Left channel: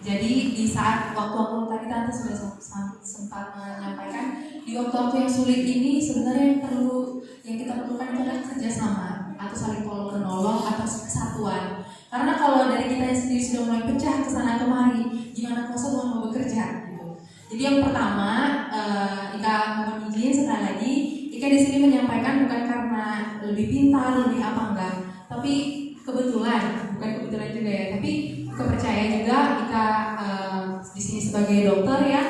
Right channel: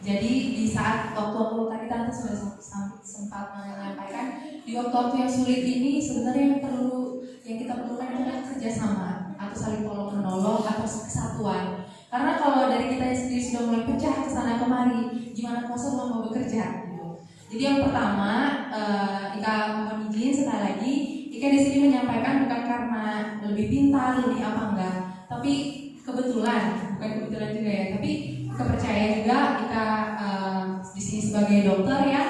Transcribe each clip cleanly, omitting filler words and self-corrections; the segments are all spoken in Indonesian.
Jadi di saat waktu-waktu tadi Tante sudah sempat menyampaikan, di waktu-waktu yang sulit ini sebenarnya yang kita perlukan itu adalah kerjasama atau saling tolong menolong atau kesatuan. Karena kalau dari kita sendiri sudah mulai pecah ke sana kemari, gimana kuasa Tuhan mau bekerja gitu. Jadi yang pertama, Ika mohon izin sekali lagi, Ika di sini menyampaikan bukan karena lebih pintar, lebih apa enggak, tapi kebetulan, bukan kebetulan juga ya, tapi Ika percaya juga Ika di sini sebagai dokter ya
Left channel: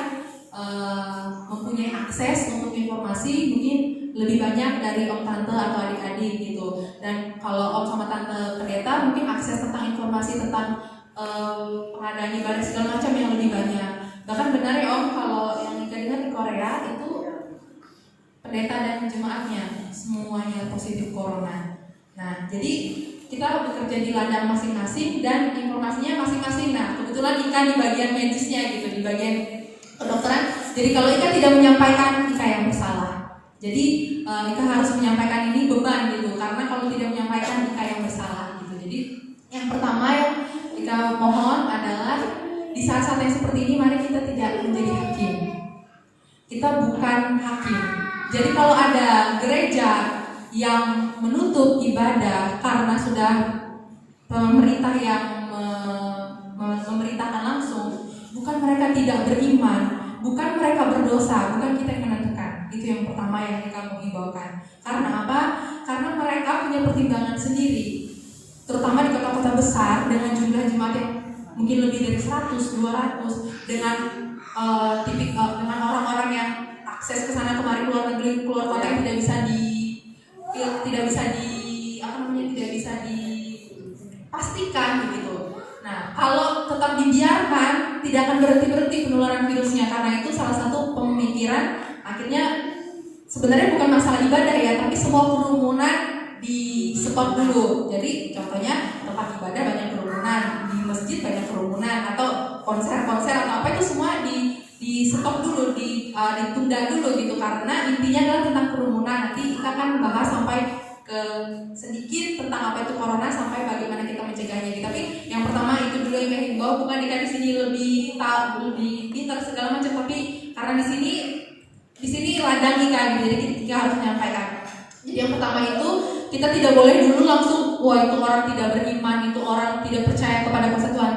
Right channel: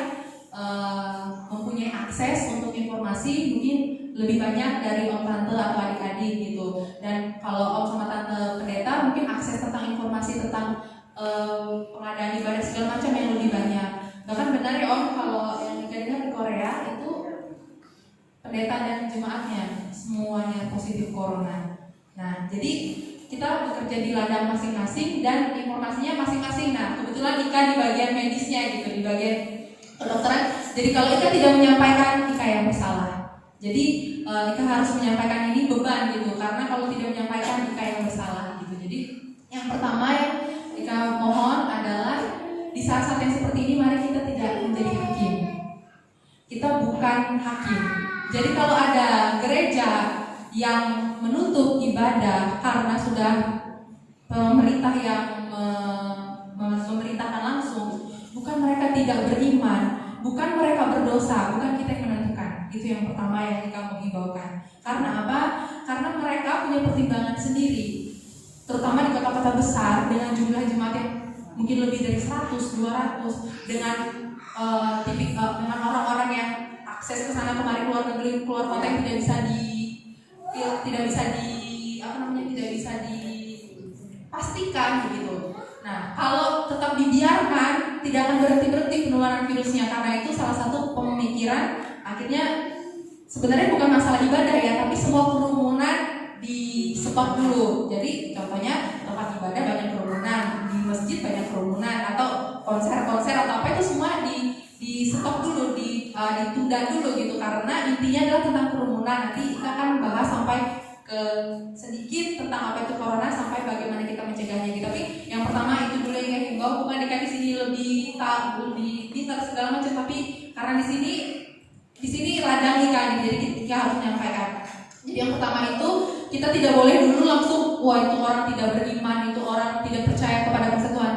mempunyai akses untuk informasi mungkin lebih banyak dari om tante atau adik-adik gitu. Dan kalau om sama tante pendeta mungkin akses tentang informasi tentang pengadaan ibadah segala macam yang lebih banyak. Bahkan benar ya om, kalau yang Ika dengar di Korea itu pendeta dan jemaatnya semuanya positif corona. Nah jadi kita bekerja di ladang masing-masing dan informasinya masing-masing. Nah kebetulan Ika di bagian medisnya gitu, di bagian kedokteran. Jadi kalau Ika tidak menyampaikan, Ika yang bersalah. Jadi Ika harus menyampaikan ini beban gitu, karena kalau tidak menyampaikan Ika yang bersalah gitu. Jadi yang pertama yang Ika mohon adalah di saat-saat yang seperti ini mari kita tidak menjadi hakim. Kita bukan hakim. Jadi kalau ada gereja yang menutup ibadah karena sudah pemerintah yang memerintahkan langsung, bukan mereka tidak beriman, bukan mereka berdosa, bukan kita yang menentukan. Itu yang pertama yang kita mau himbaukan. Karena apa? Karena mereka punya pertimbangan sendiri, terutama di kota-kota besar dengan jumlah jemaat yang mungkin lebih dari 100, 200, dengan dengan orang-orang yang akses ke sana kemari, keluar negeri, keluar kota yang tidak bisa dipastikan begitu. Nah, kalau tetap dibiarkan tidak akan berhenti penularan virusnya. Karena itu salah satu pemikiran akhirnya sebenarnya bukan masalah ibadah ya, tapi semua kerumunan di stop dulu. Jadi contohnya tempat ibadah banyak kerumunan, di masjid banyak kerumunan, atau konser-konser atau apa itu semua di stop dulu, ditunda dulu gitu. Karena intinya adalah tentang kerumunan. Nanti kita akan bahas sampai ke sedikit tentang apa itu corona sampai bagaimana kita mencegahnya. Tapi yang pertama itu dulu yang himbau, bukan di sini lebih tahu, lebih pintar segala macam, tapi karena di sini ladang ikan, jadi kita harus menyampaikan. Jadi yang pertama itu kita tidak boleh dulu langsung wah itu orang tidak beriman, itu orang tidak percaya kepada kuasa Tuhan,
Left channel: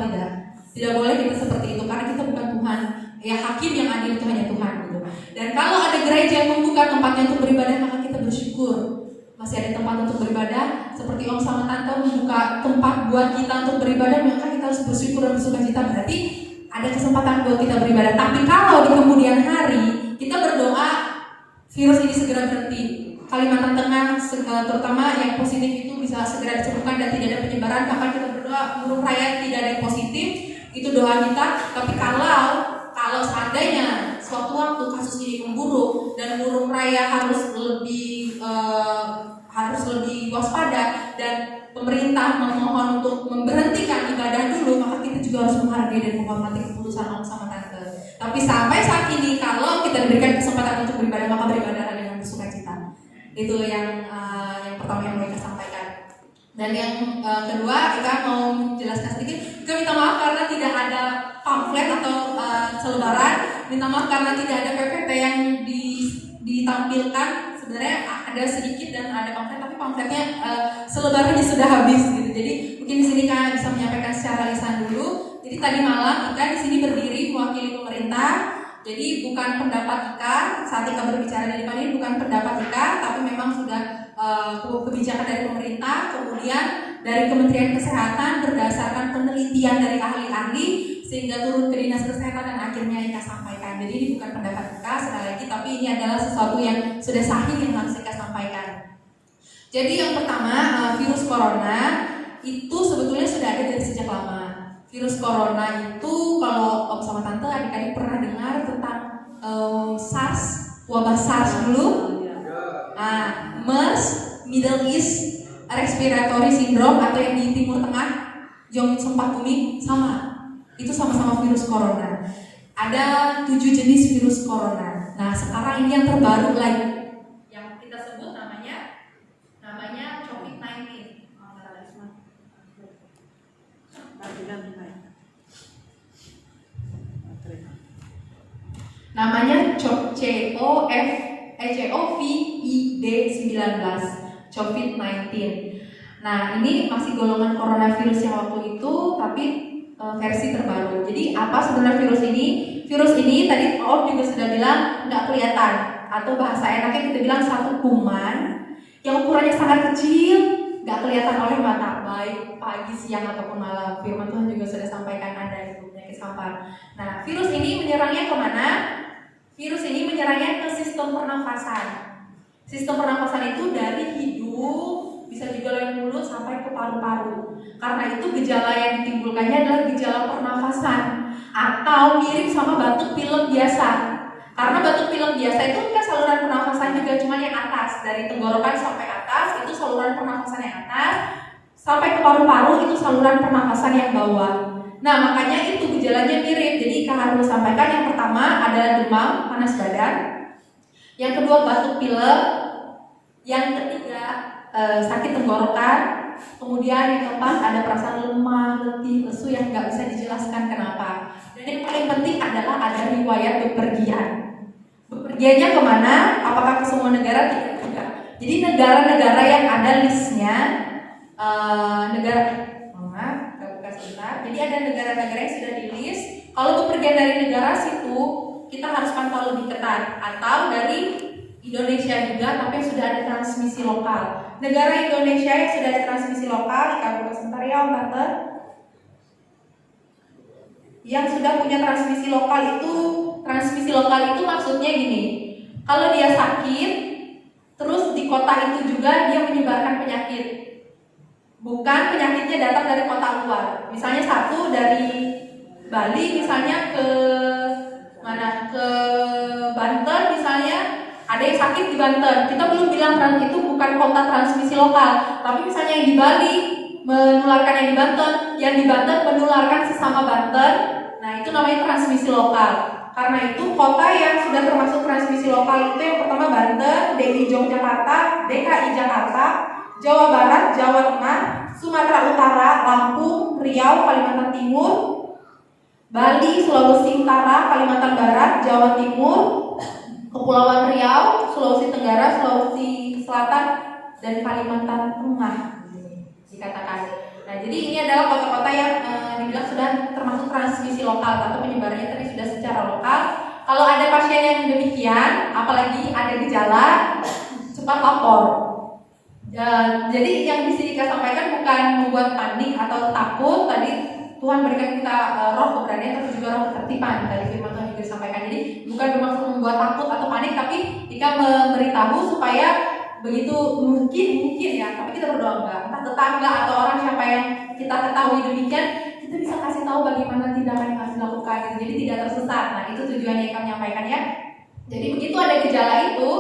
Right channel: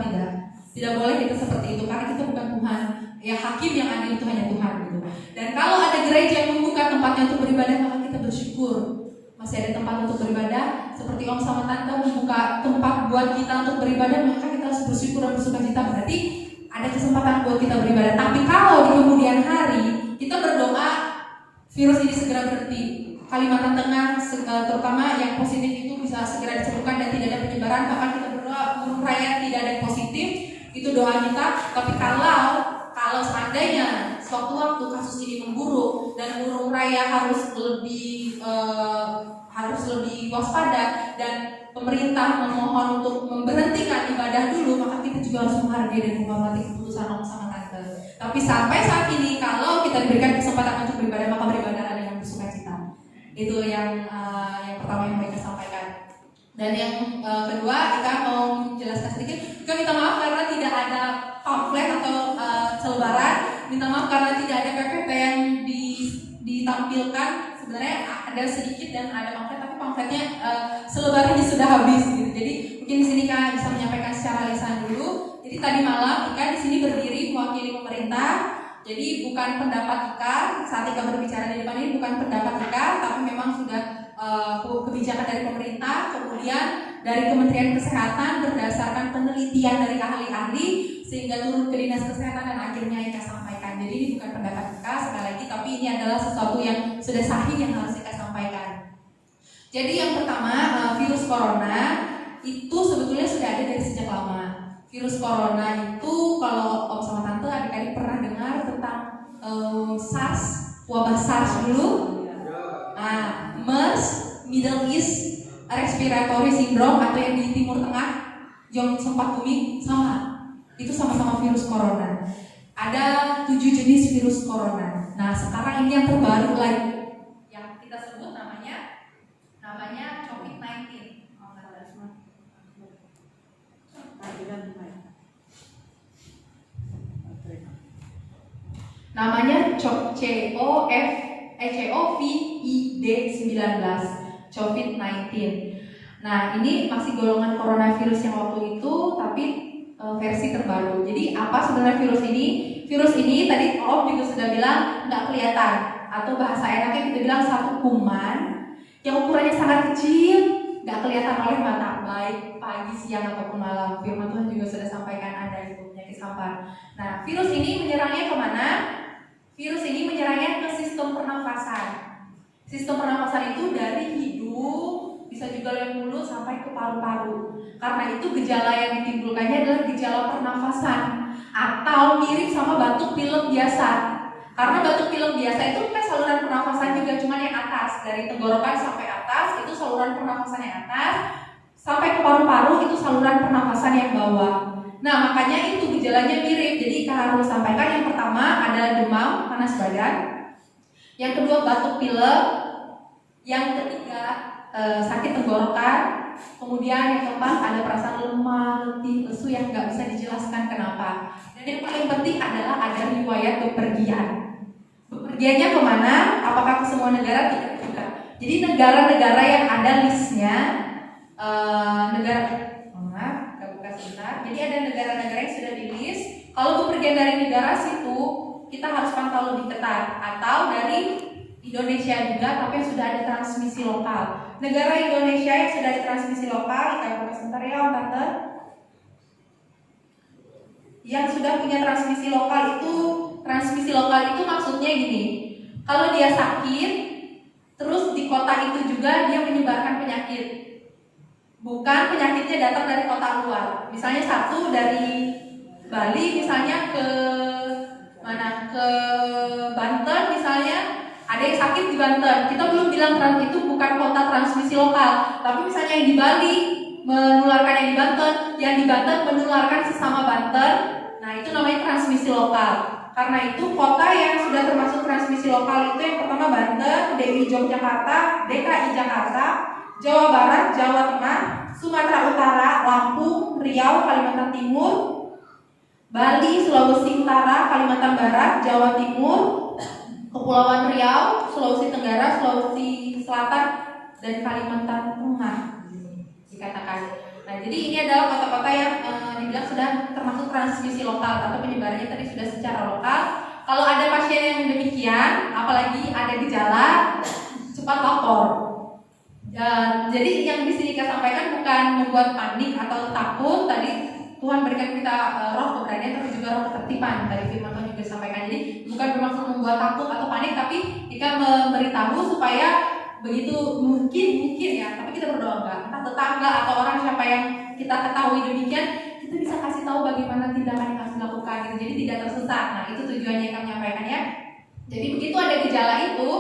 tidak boleh kita seperti itu karena kita bukan Tuhan. Ya hakim yang adil itu hanya Tuhan gitu. Dan kalau ada gereja yang membuka tempatnya untuk beribadah, maka kita bersyukur masih ada tempat untuk beribadah. Seperti om sama tante membuka tempat buat kita untuk beribadah, maka kita harus bersyukur dan bersukacita, berarti ada kesempatan buat kita beribadah. Tapi kalau di kemudian hari kita berdoa virus ini segera berhenti, Kalimantan Tengah terutama yang positif itu bisa segera disembuhkan dan tidak ada penyebaran, kapan kita berdoa burung raya tidak ada yang positif, itu doa kita. Tapi kalau seandainya suatu waktu kasus ini memburuk dan burung raya harus lebih waspada dan pemerintah memohon untuk memberhentikan ibadah dulu, maka kita juga harus menghargai dan menghormati keputusan om sama tante. Tapi sampai saat ini kalau kita diberikan kesempatan untuk beribadah, maka beribadah dengan bersukacita. Itu yang pertama yang mereka sampaikan. Dan yang kedua, kita mau menjelaskan sedikit. Kita minta maaf karena tidak ada pamflet atau selebaran. Minta maaf karena tidak ada PPT yang ditampilkan. Sebenarnya ada sedikit dan ada pamflet, tapi pamfletnya selebarannya sudah habis gitu. Jadi mungkin di sini Kak bisa menyampaikan secara lisan dulu. Jadi tadi malam Ika di sini berdiri mewakili pemerintah. Jadi bukan pendapat Ika, saat Ika berbicara di depan ini bukan pendapat Ika, tapi memang sudah kebijakan dari pemerintah, kemudian dari Kementerian Kesehatan berdasarkan penelitian dari ahli-ahli sehingga turun ke Dinas Kesehatan dan akhirnya Ika sampaikan. Jadi ini bukan pendapat Ika sekali lagi, tapi ini adalah sesuatu yang sudah sahih yang harus Ika sampaikan. Jadi yang pertama, virus corona itu sebetulnya sudah ada dari sejak lama. Virus corona itu kalau om sama tante adik-adik pernah dengar tentang SARS, wabah SARS dulu. Nah, MERS, Middle East Respiratory Syndrome atau yang di Timur Tengah yang sempat booming sama. Itu sama-sama virus corona. Ada 7 jenis virus corona. Nah, sekarang ini yang terbaru lagi yang kita sebut namanya COVID-19. Namanya COVID-19, COVID-19. Nah, ini masih golongan coronavirus yang waktu itu, tapi versi terbaru. Jadi apa sebenarnya virus ini? Virus ini tadi Om juga sudah bilang nggak kelihatan, atau bahasa enaknya kita bilang satu kuman yang ukurannya sangat kecil, nggak kelihatan oleh mata, baik pagi, siang ataupun malam. Firman Tuhan juga sudah sampaikan ada itu penyakit sampar. Nah, virus ini menyerangnya kemana? Virus ini menyerangnya ke sistem pernafasan. Sistem pernafasan itu dari hidung, bisa juga lewat mulut sampai ke paru-paru. Karena itu gejala yang ditimbulkannya adalah gejala pernafasan atau mirip sama batuk pilek biasa. Karena batuk pilek biasa itu kan saluran pernafasan juga, cuma yang atas, dari tenggorokan sampai atas itu saluran pernafasan yang atas, sampai ke paru-paru itu saluran pernafasan yang bawah. Nah, makanya itu gejalanya mirip. Jadi Kak harus sampaikan, yang pertama ada demam, panas badan, yang kedua batuk pilek, yang ketiga sakit tenggorokan, kemudian yang keempat ada perasaan lemah, letih, lesu yang nggak bisa dijelaskan kenapa. Dan yang paling penting adalah ada riwayat bepergian. Bepergiannya kemana? Apakah ke semua negara? Tidak juga. Jadi negara-negara yang ada listnya, Jadi ada negara-negara yang sudah di list. Kalau bepergian dari negara situ, kita harus pantau lebih ketat. Atau dari Indonesia juga, tapi yang sudah ada transmisi lokal. Negara Indonesia yang sudah ada transmisi lokal, kita sebentar ya, Tante. Yang sudah punya transmisi lokal itu maksudnya gini. Kalau dia sakit, terus di kota itu juga dia menyebarkan penyakit. Bukan penyakitnya datang dari kota luar. Misalnya satu dari Bali misalnya ke mana, ke Banten misalnya, ada yang sakit di Banten. Kita belum bilang itu bukan kota transmisi lokal. Tapi misalnya yang di Bali menularkan yang di Banten, yang di Banten menularkan sesama Banten. Nah, itu namanya transmisi lokal. Karena itu kota yang sudah termasuk transmisi lokal itu yang pertama Banten, DKI Yogyakarta, DKI Jakarta, Jawa Barat, Jawa Tengah, Sumatera Utara, Lampung, Riau, Kalimantan Timur, Bali, Sulawesi Utara, Kalimantan Barat, Jawa Timur, Kepulauan Riau, Sulawesi Tenggara, Sulawesi Selatan, dan Kalimantan Tengah dikatakan. Nah, jadi ini adalah kota-kota yang dibilang sudah termasuk transmisi lokal atau penyebarannya tadi sudah secara lokal. Kalau ada pasien yang demikian, apalagi ada gejala, cepat lapor. Jadi yang di sini kita sampaikan bukan membuat panik atau takut. Tadi Tuhan berikan kita roh keberanian, tapi juga roh ketertiban. Tadi firman Tuhan juga disampaikan. Jadi bukan bermaksud membuat takut atau panik, tapi kita memberitahu supaya begitu mungkin ya. Tapi kita berdoa enggak, entah tetangga atau orang siapa yang kita ketahui demikian, kita bisa kasih tahu bagaimana tindakan yang harus dilakukan. Jadi tidak tersesat. Nah, itu tujuannya yang kami sampaikan ya. Jadi begitu ada gejala itu,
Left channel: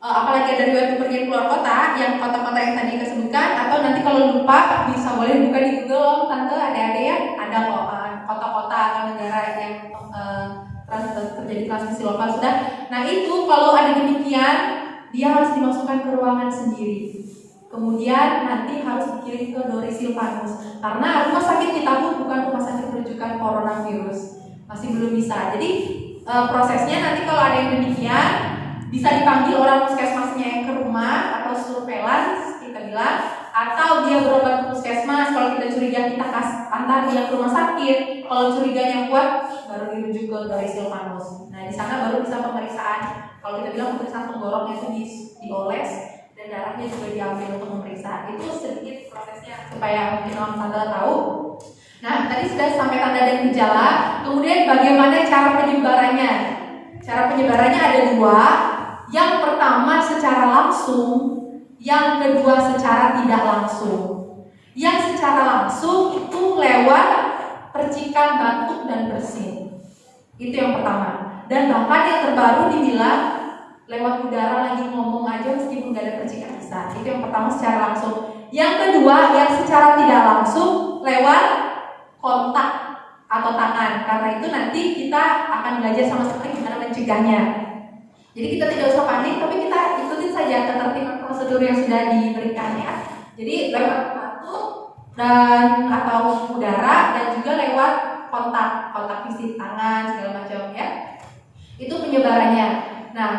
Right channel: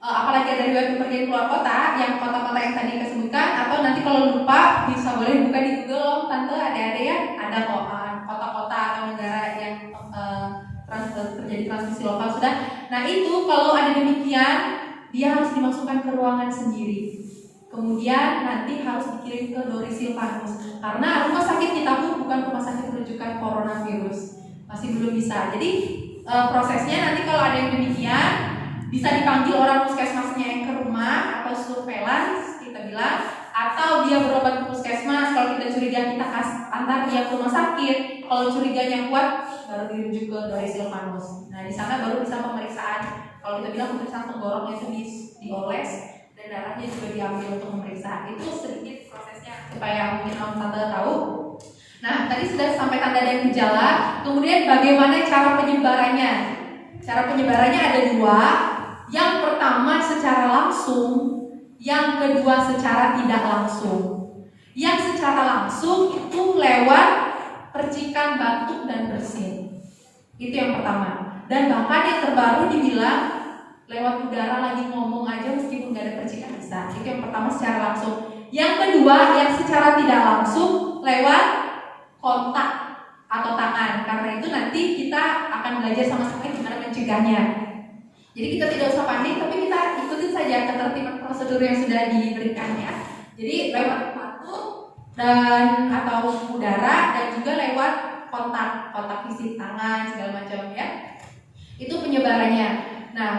apalagi dari waktu pergi keluar kota, yang kota-kota yang tadi kita sebutkan, atau nanti kalau lupa bisa boleh buka di Google, Tante, ada ya, ada kok kota-kota atau negara yang terjadi transmisi lokal sudah. Nah, itu kalau ada demikian, dia harus dimasukkan ke ruangan sendiri. Kemudian nanti harus dikirim ke Doris-Silvanus, karena rumah sakit kita pun bukan rumah sakit rujukan coronavirus, masih belum bisa. Jadi prosesnya nanti kalau ada yang demikian, bisa dipanggil orang puskesmasnya yang ke rumah atau surveillance kita bilang, atau dia berobat ke puskesmas. Kalau kita curiga, kita antar dia ke rumah sakit. Kalau curiganya kuat, baru dirujuk ke Doris-Silvanus. Nah, di sana baru bisa pemeriksaan. Kalau kita bilang pemeriksaan tenggoroknya itu dioles dan darahnya juga diambil untuk memeriksa. Itu sedikit prosesnya supaya mungkin Tante tahu. Nah, tadi sudah sampaikan tanda dan gejala. Kemudian bagaimana cara penyebarannya? Cara penyebarannya ada dua. Yang pertama secara langsung, yang kedua secara tidak langsung. Yang secara langsung itu lewat percikan batuk dan bersin. Itu yang pertama. Dan bahkan yang terbaru dibilang lewat udara lagi ngomong aja meskipun gak ada percikan bisa. Itu yang pertama secara langsung. Yang kedua yang secara tidak langsung lewat kontak atau tangan. Karena itu nanti kita akan belajar sama-sama gimana mencegahnya. Jadi kita tidak usah panik, tapi kita ikutin saja ketertiban prosedur yang sudah diberikannya. Jadi lewat batuk dan atau udara, dan juga lewat kontak fisik tangan segala macam ya. Itu penyebarannya. Nah,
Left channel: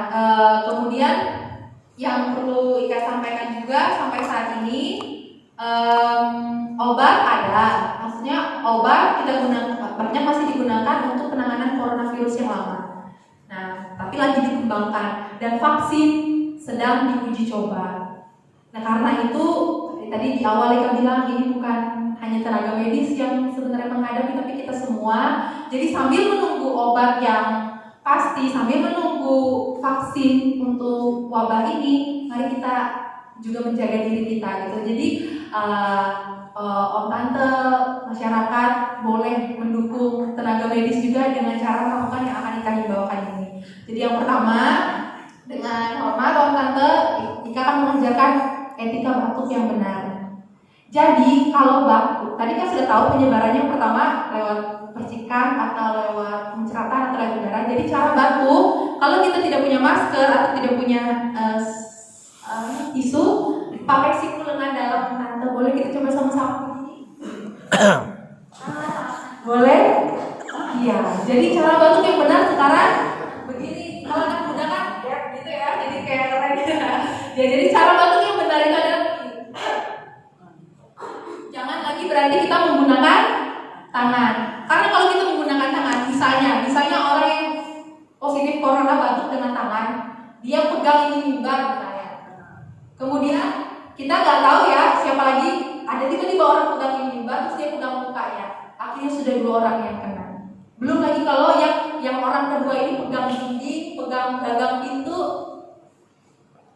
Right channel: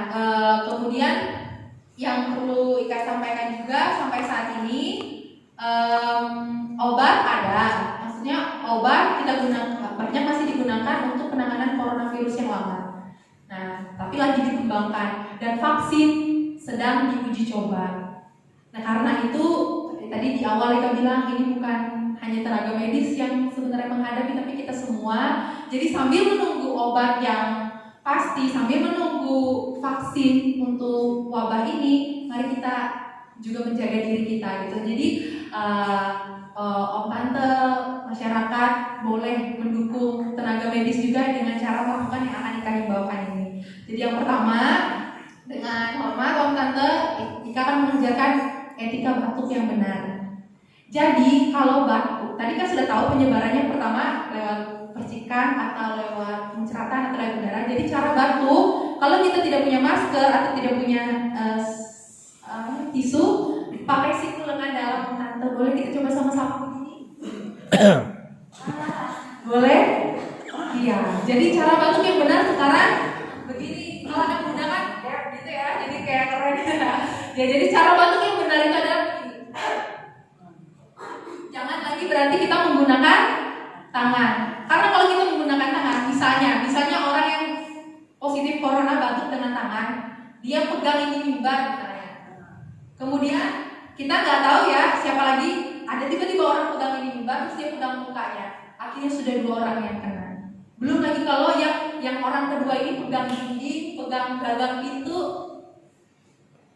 kemudian yang perlu Ika sampaikan juga sampai saat ini obat ada, maksudnya obat kita gunakan banyak masih digunakan untuk penanganan coronavirus yang lama. Nah, tapi lagi dikembangkan dan vaksin sedang diuji coba. Nah, karena itu tadi di awal Ika bilang ini bukan hanya tenaga medis yang sebenarnya menghadapi, tapi kita semua. Jadi sambil menunggu obat yang pasti, sambil menunggu vaksin untuk wabah ini, mari kita juga menjaga diri kita gitu. Jadi om tante masyarakat boleh mendukung tenaga medis juga dengan cara melakukan yang akan Ika himbaukan ini. Jadi yang pertama, dengan hormat om tante, Ika akan mengajarkan etika batuk yang benar. Jadi kalau batuk, tadi kan sudah tahu penyebarannya pertama lewat percikan atau lewat menceratan atau lewat udara. Jadi cara batuk, kalau kita tidak punya masker atau tidak punya tisu, pakai siku lengan dalam tante. Boleh kita coba sama-sama begini? Boleh? Iya. Jadi cara batuk yang benar sekarang begini. Kalau anak muda kan gitu ya, jadi kayak keren gitu ya. Jadi cara batuk yang benar itu adalah begini. Jangan lagi berarti kita menggunakan tangan. Karena kalau kita menggunakan tangan, misalnya orang yang positif corona batuk dengan tangan, dia pegang ini mimbar misalnya. Kemudian kita nggak tahu ya siapa lagi, ada tiba-tiba orang pegang ini mimbar terus dia pegang mukanya. Akhirnya sudah 2 orang yang kena. Belum lagi kalau yang orang kedua ini pegang dinding, pegang gagang pintu,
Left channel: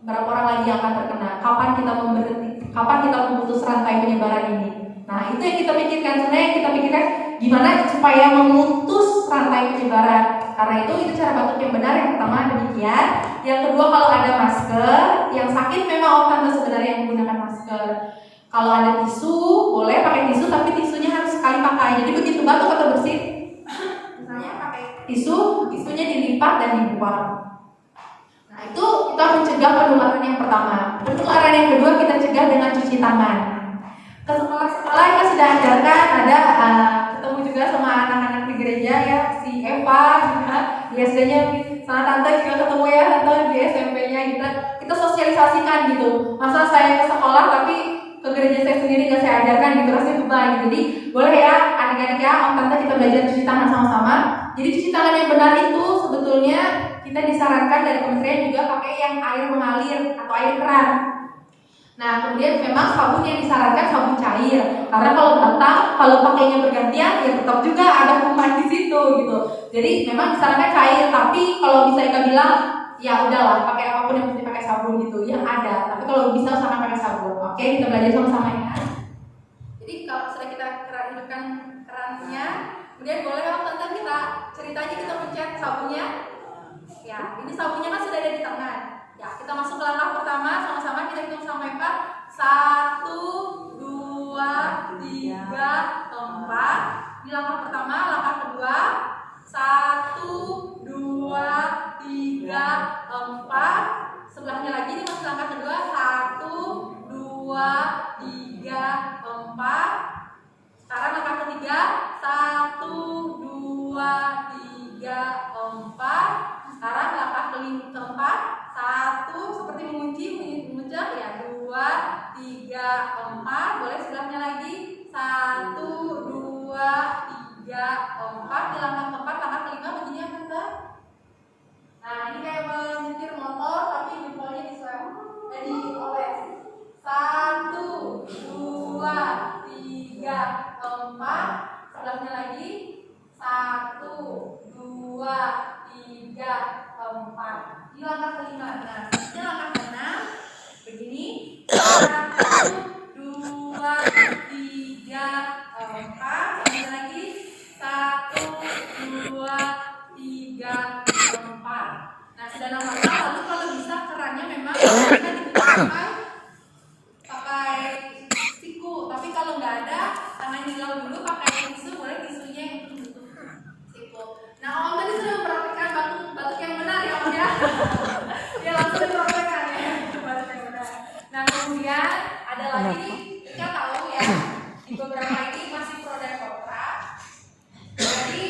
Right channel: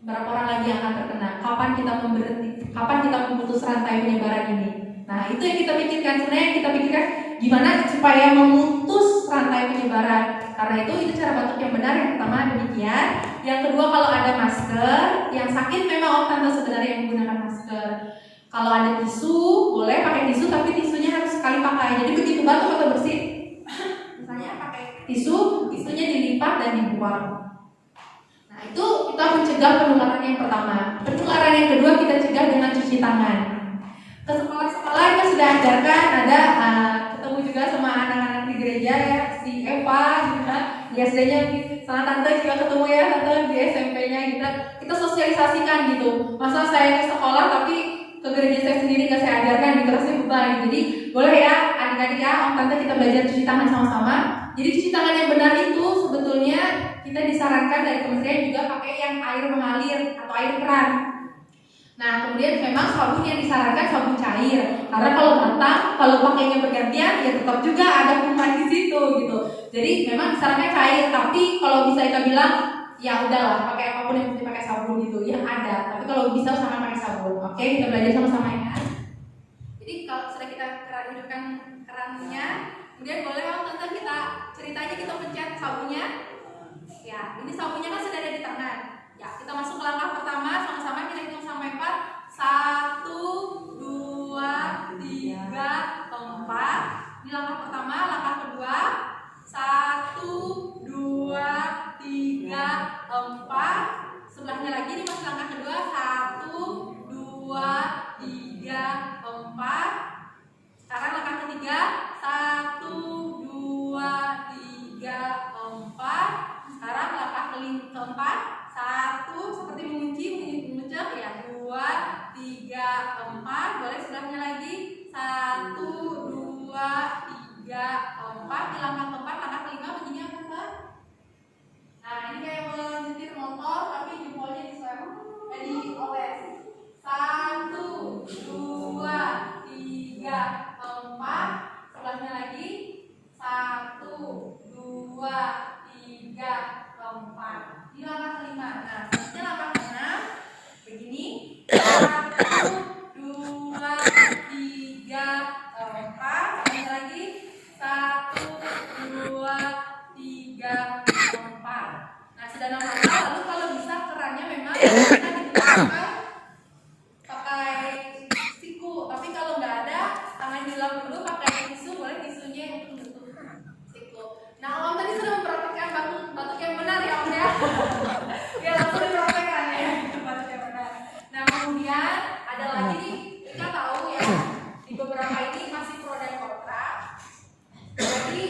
berapa orang lagi yang akan terkena? Kapan kita memberhenti? Kapan kita memutus rantai penyebaran ini? Nah, itu yang kita pikirkan. Sebenarnya kita pikirkan gimana supaya memutus rantai penyebaran. Karena itu cara batuk yang benar. Yang pertama demikian. Yang kedua, kalau ada masker, yang sakit memang om tante sebenarnya yang menggunakan masker. Kalau ada tisu, boleh pakai tisu, tapi tisunya harus sekali pakai. Jadi begitu batuk atau bersin, misalnya pakai tisunya dilipat dan dibuang. Nah, itu kita mencegah penularan yang pertama. Penularan yang kedua kita cegah dengan cuci tangan. Ke sekolah-sekolah kita sudah ajarkan, ada ketemu juga sama anak-anak di gereja ya, si Eva juga, di SD-nya sama tante juga ketemu ya, tante di SMP-nya kita sosialisasikan gitu. Masa saya ke sekolah tapi ke gereja saya sendiri nggak saya ajarkan gitu, rasanya beban. Jadi boleh ya adik-adik ya, om tante kita belajar cuci tangan sama-sama. Jadi cuci tangan yang benar itu sebetulnya kita disarankan dari kementerian juga pakai yang air mengalir atau air keran. Nah, kemudian memang sabun yang disarankan sabun cair. Karena kalau pakainya bergantian ya tetap juga ada kuman di situ gitu. Jadi memang disarankan cair, tapi kalau bisa kita bilang ya udahlah pakai apapun yang penting pakai sabun gitu yang ada. Tapi kalau bisa usahakan pakai sabun. Oke, kita belajar sama-sama ya. Jadi kalau sudah kita hidupkan kerannya, kemudian boleh om tante kita cerita aja kita pencet sabunnya. Ya, ini sabunnya kan sudah ada di tangan. Ya, kita masuk ke langkah pertama, sama-sama kita hitung sampai 4. 1, 2, 3, 4. Di langkah pertama, langkah kedua 1, 2, 3, 4. Sebelahnya lagi ini masih langkah kedua 1, 2, 3, 4. Sekarang langkah ketiga 1, 2, 3, 4. Sekarang langkah keempat 1 seperti mengunci mengucap ya 2, 3, 4. Boleh sebelahnya lagi 1, 2, 3, 4. Di langkah keempat, langkah kelima begini ya tante. Nah ini kayak menyetir motor tapi jempolnya di swab. Jadi oles 1, 2, 3, 4. Sebelahnya lagi 1, 2, 3, 4. Di langkah kelima. Nah, ini langkah keenam begini 1, 2, 3, 4. Ini lagi 1, 2, 3, 4. Nah, sudah nomor 4. Lalu kalau bisa kerannya memang kita pakai siku. Tapi kalau nggak ada, tangan diulang dulu pakai tisu. Boleh tisunya yang tutup siku. Nah, om tadi sudah mempraktikkan batuk yang benar ya om ya. Ya langsung dipraktekkan ya batuk yang benar. Nah, kemudian ada lagi kita tahu ya di beberapa ini masih pro dan kontra. Jadi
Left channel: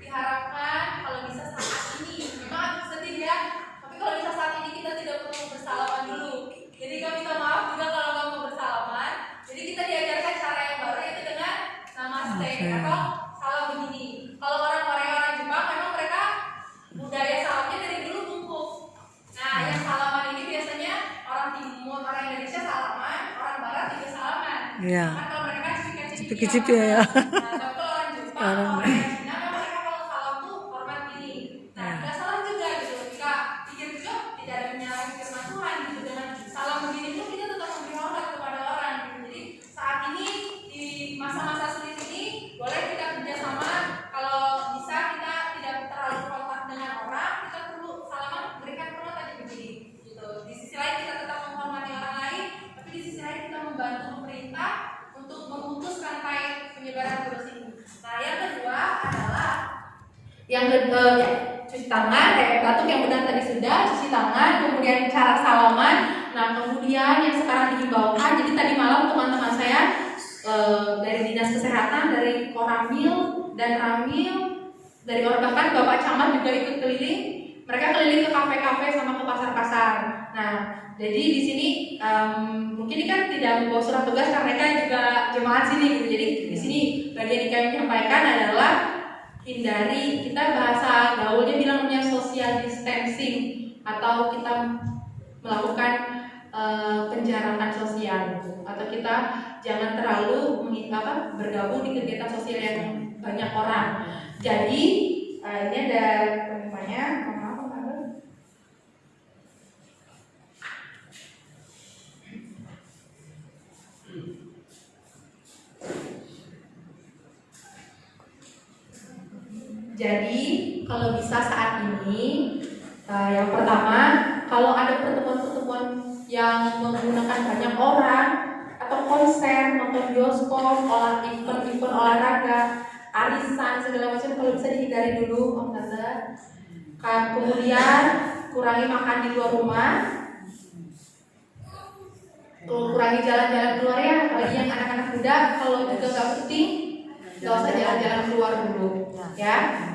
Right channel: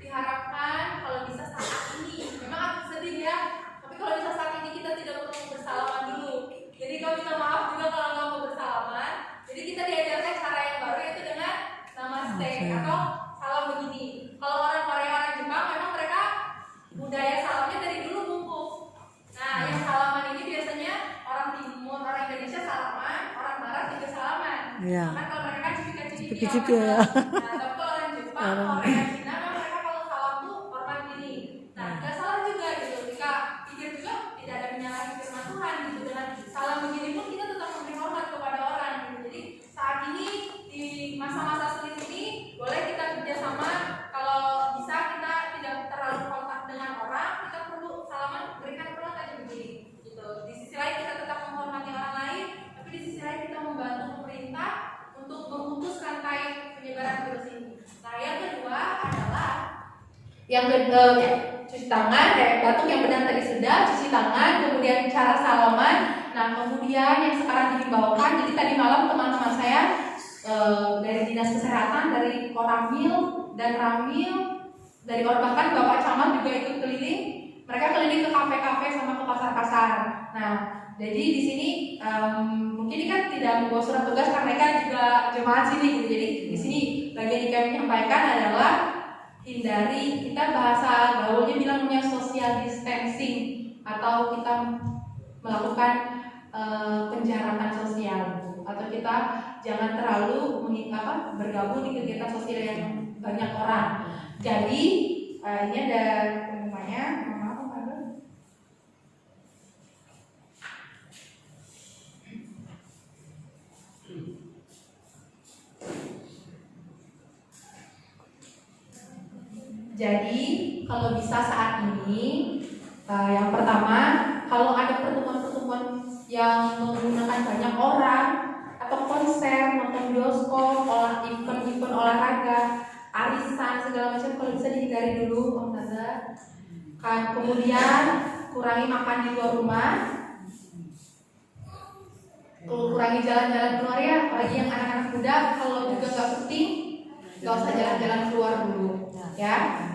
diharapkan kalau bisa saat ini memang Iya. Karena kalau mereka Cipik-cipik ya. Nah, tapi kalau orang Jepang, kalau orang Cina, mereka kalau salam tuh hormat gini. Nah, nggak salah juga gitu. Jika pikir juga tidak ada menyalahi firman Tuhan gitu. Dengan salam begini pun kita tetap memberi hormat kepada orang gitu. Jadi saat ini di masa-masa sulit ini boleh kita kerjasama. Kalau bisa kita tidak terlalu kontak dengan orang, kita perlu salaman berikan hormat aja begini gitu. Di sisi lain kita tetap menghormati orang lain, tapi di sisi lain kita membantu pemerintah untuk memutus rantai penyebaran virus ini. Nah, yang kedua adalah cuci tangan, batuk yang benar tadi sudah, cuci tangan, kemudian cara salaman. Nah, kemudian yang sekarang dihimbaukan, jadi tadi malam teman-teman saya dari Dinas Kesehatan, dari Koramil dan Ramil, dari bahkan Bapak Camat juga ikut keliling. Mereka keliling ke kafe-kafe sama ke pasar-pasar. Nah, jadi di sini mungkin ini kan tidak membawa surat tugas karena mereka juga jemaat sini gitu. Jadi di sini bagian yang kami sampaikan adalah hindari, kita bahasa gaulnya bilangnya social distancing atau kita melakukan penjarakan sosial gitu. Atau kita jangan terlalu bergabung di kegiatan sosial yang banyak orang. Jadi ini ada pengumumannya. Jadi kalau bisa saat ini yang pertama, kalau ada pertemuan-pertemuan yang menggunakan banyak orang atau konser, nonton bioskop, event olahraga, arisan segala macam, kalau bisa dihindari dulu, Om Tante. Kemudian kurangi makan di luar rumah, kurangi jalan-jalan keluar ya, apalagi yang anak-anak muda kalau juga nggak penting, nggak usah jalan-jalan keluar dulu, ya.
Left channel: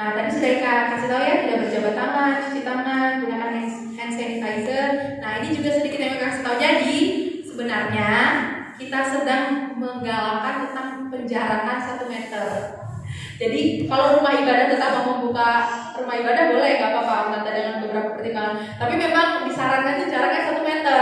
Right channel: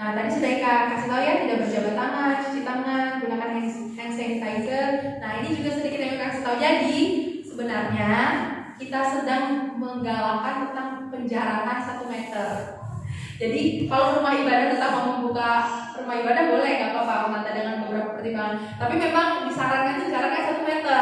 Nah, tadi sudah kasih tahu ya, tidak berjabat tangan, cuci tangan, gunakan hand sanitizer. Nah, ini juga sedikit yang kasih tahu. Jadi, sebenarnya kita sedang menggalakkan tentang penjarakan 1 meter. Jadi, kalau rumah ibadah tetap mau membuka rumah ibadah boleh, nggak apa-apa, nanti dengan beberapa pertimbangan. Tapi memang disarankan itu jaraknya 1 meter.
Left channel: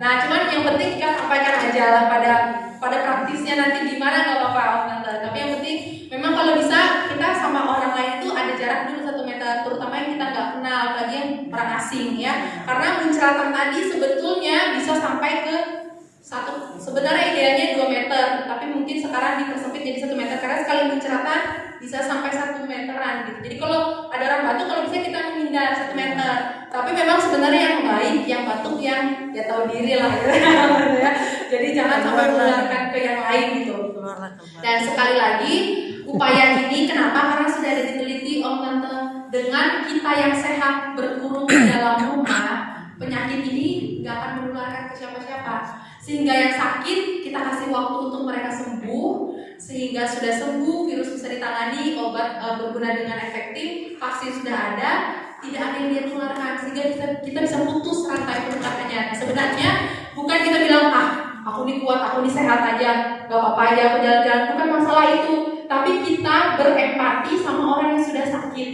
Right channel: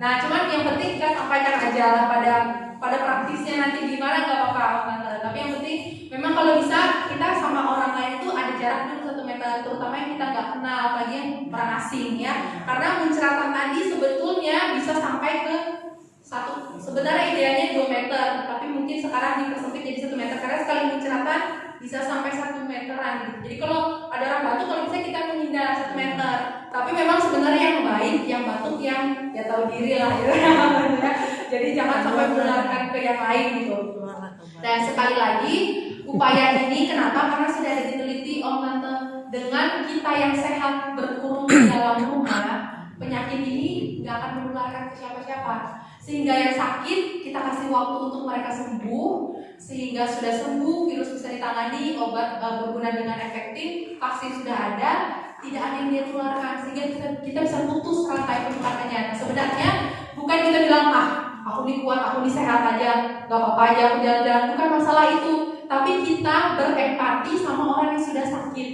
Nah, cuman yang penting kita sampaikan aja pada praktisnya nanti gimana nggak apa-apa, tante. Tapi yang penting memang kalau bisa kita sama orang lain itu ada jarak dulu 1 meter, terutama yang kita nggak kenal, apalagi yang orang asing ya. Karena muncratan tadi sebetulnya bisa sampai ke sebenarnya idealnya 2 meter, tapi mungkin sekarang dipersempit jadi 1 meter karena sekali muncratan bisa sampai 1 meteran gitu. Jadi kalau ada orang batuk, kalau bisa kita menghindar 1 meter. Tapi memang sebenarnya yang baik, yang batuk yang ya tahu diri lah gitu ya. Jadi jangan sampai menularkan ke yang lain gitu. Dan sekali lagi upaya ini kenapa? Karena sudah ada diteliti Om Tante, dengan kita yang sehat berkurung di dalam rumah, penyakit ini nggak akan menularkan ke siapa-siapa. Sehingga yang sakit kita kasih waktu untuk mereka sembuh, sehingga sudah sembuh, virus bisa ditangani, obat berguna dengan efektif, vaksin sudah ada, tidak ada yang dia tularkan, sehingga kita bisa putus rantai penularannya. Nah, sebenarnya bukan kita bilang aku ini kuat, aku ini sehat aja, gak apa-apa aja aku jalan-jalan, bukan masalah itu. Tapi kita berempati sama orang yang sudah sakit.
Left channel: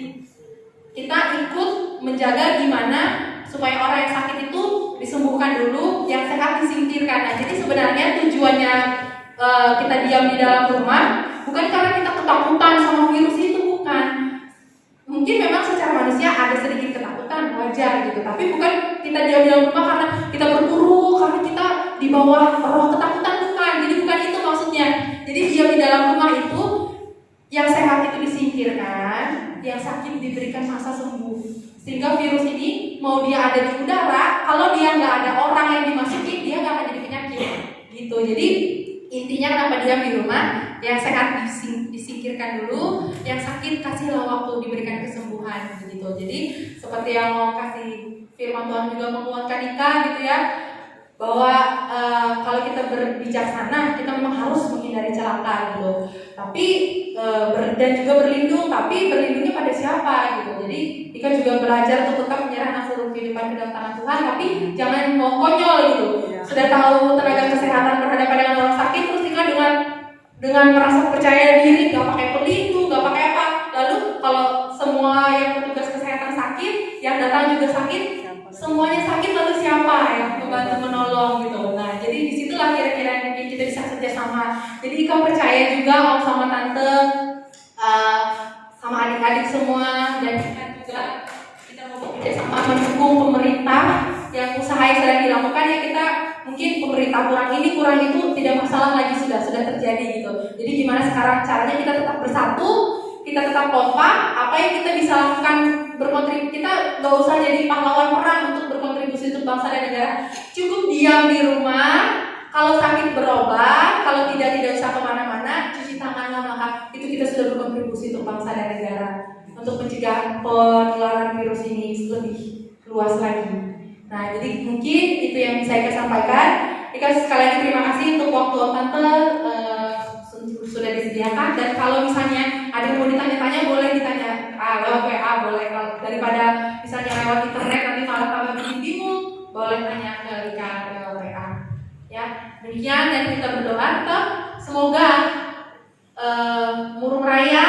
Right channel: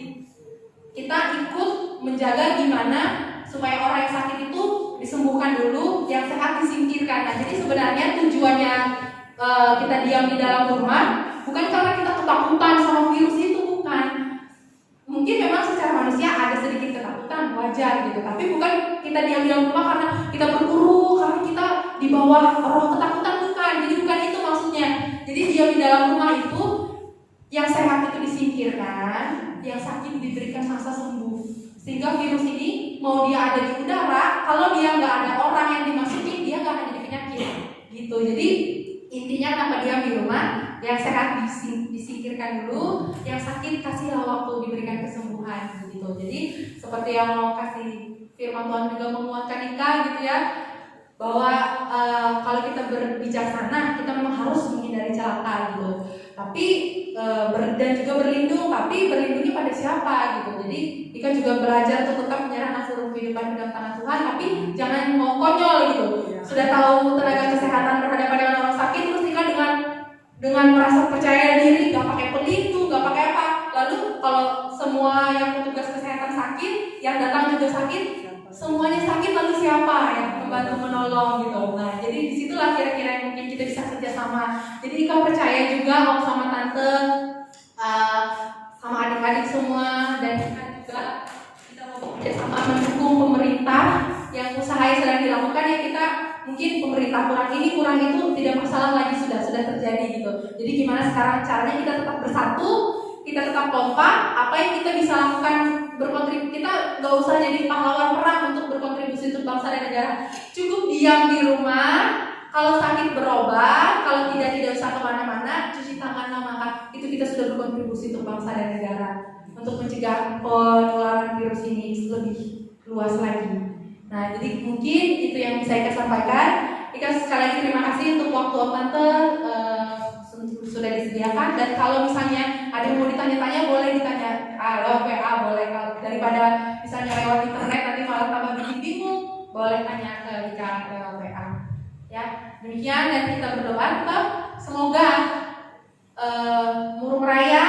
Kita ikut menjaga gimana supaya orang yang sakit itu disembuhkan dulu, yang sehat disingkirkan. Nah, jadi sebenarnya tujuannya kita diam di dalam rumah bukan karena kita ketakutan sama virus itu, bukan. Mungkin memang secara manusia ada sedikit ketakutan, wajar gitu. Tapi bukan kita diam di dalam rumah karena kita berburu, karena kita di bawah roh ketakutan, bukan. Jadi bukan itu maksudnya. Jadi diam di dalam rumah itu yang sehat itu disingkirkan, yang sakit diberikan masa sembuh. Sehingga virus ini mau dia ada di udara, kalau dia nggak ada orang yang dimasuki, dia nggak akan jadi penyakit gitu. Jadi intinya kenapa diam di rumah, yang sehat disingkirkan dulu, yang sakit kasihlah waktu diberikan kesembuhan gitu. Jadi seperti yang mau kasih firman Tuhan juga menguatkan Ika gitu ya, bahwa kalau kita berbijaksana kita memang harus menghindari celaka gitu. Tapi dan juga berlindung, tapi berlindungnya pada siapa gitu. Jadi Ika juga belajar untuk tetap menyerahkan seluruh kehidupan ke dalam tangan Tuhan, tapi jangan mau konyol gitu. Sudah tahu tenaga kesehatan berhadapan dengan orang sakit, terus Ika dengan merasa percaya diri, gak pakai pelindung, gak pakai apa. Lalu kalau semua yang petugas kesehatan sakit, yang datang juga sakit, semuanya sakit lalu siapa yang membantu menolong gitu. Nah, jadi disitulah kira-kira yang mungkin kita bisa kerjasama. Jadi Ika percaya juga om sama tante, sama adik-adik semua, dan kita juga kita mau kerjasama mendukung pemerintah yang usaha yang sedang dilakukan ya. Kita mungkin pemerintah kurang itu tidak masalah lagi, sudah terjadi gitu. Jadi gimana sekarang caranya kita tetap bersatu, kita tetap kompak, apa yang kita bisa lakukan berkontribusi. Kita nggak usah jadi pahlawan perang untuk berkontribusi untuk bangsa dan negara. Cukup diam di rumah, kalau sakit berobat, kalau tidak usah kemana-mana, cuci tangan, maka itu kita sudah berkontribusi untuk bangsa dan negara, untuk mencegah penularan virus ini lebih luas lagi. Nah, jadi mungkin itu yang bisa Ika sampaikan. Ika sekali lagi terima kasih untuk waktu tante sudah disediakan, dan kalau misalnya ada yang mau ditanya-tanya boleh ditanya lewat WA, boleh. Kalau daripada misalnya lewat internet nanti malah tambah bikin bingung, boleh tanya ke Ika lewat WA. Ya, demikian, dan kita berdoa semoga Murung Raya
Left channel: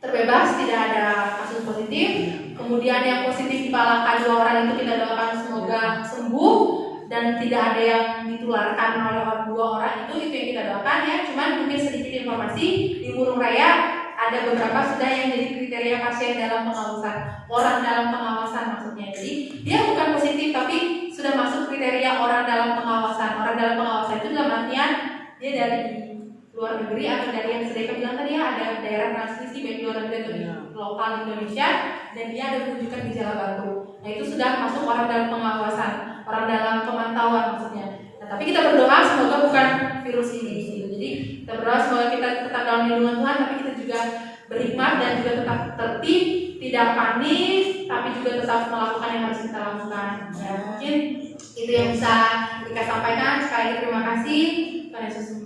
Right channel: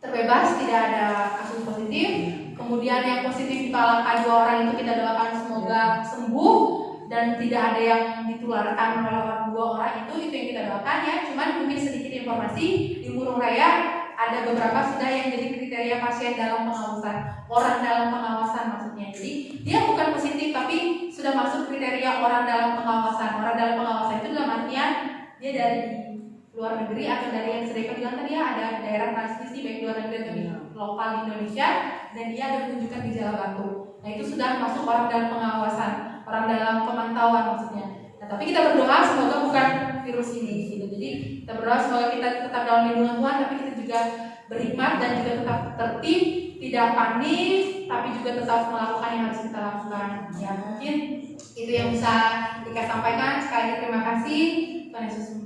terbebas, tidak ada kasus positif. Kemudian yang positif dipalangkan 2 orang itu kita doakan semoga sembuh dan tidak ada yang ditularkan oleh 2 orang itu yang kita doakan ya. Cuman mungkin sedikit informasi, di Murung Raya ada beberapa sudah yang jadi kriteria pasien dalam pengawasan, orang dalam pengawasan maksudnya. Jadi dia bukan positif tapi sudah masuk kriteria orang dalam pengawasan. Orang dalam pengawasan itu dalam artian dia dari luar negeri atau dari yang sedang bilang tadi ya, ada daerah transmisi baik luar negeri atau di lokal Indonesia, dan dia ada menunjukkan gejala batuk. Nah itu sudah masuk orang dalam pengawasan, orang dalam pemantauan maksudnya. Nah, tapi kita berdoa semoga bukan virus ini gitu. Jadi kita berdoa semoga kita tetap dalam lindungan Tuhan, tapi kita juga berhikmat dan juga tetap tertib, tidak panik, tapi juga tetap melakukan yang harus kita lakukan. Ya mungkin itu yang bisa kita sampaikan. Sekali lagi terima kasih. Tuhan Yesus